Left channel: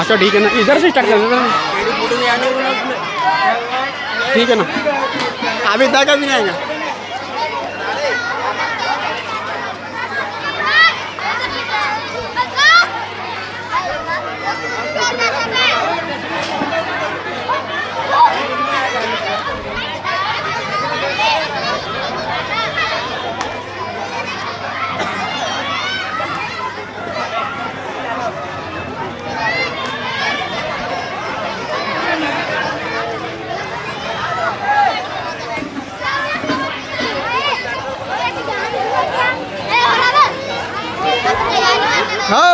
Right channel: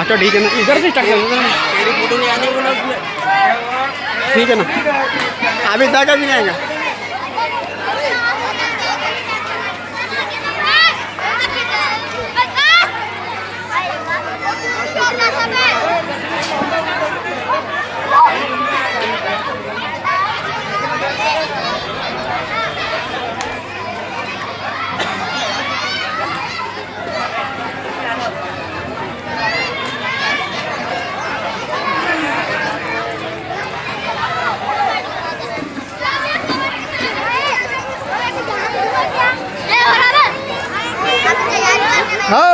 अच्छा ठीक है ना, इधर से स्टार्ट कर देना। ठीक है ना, अभी तक अभी नहीं आएगा। हो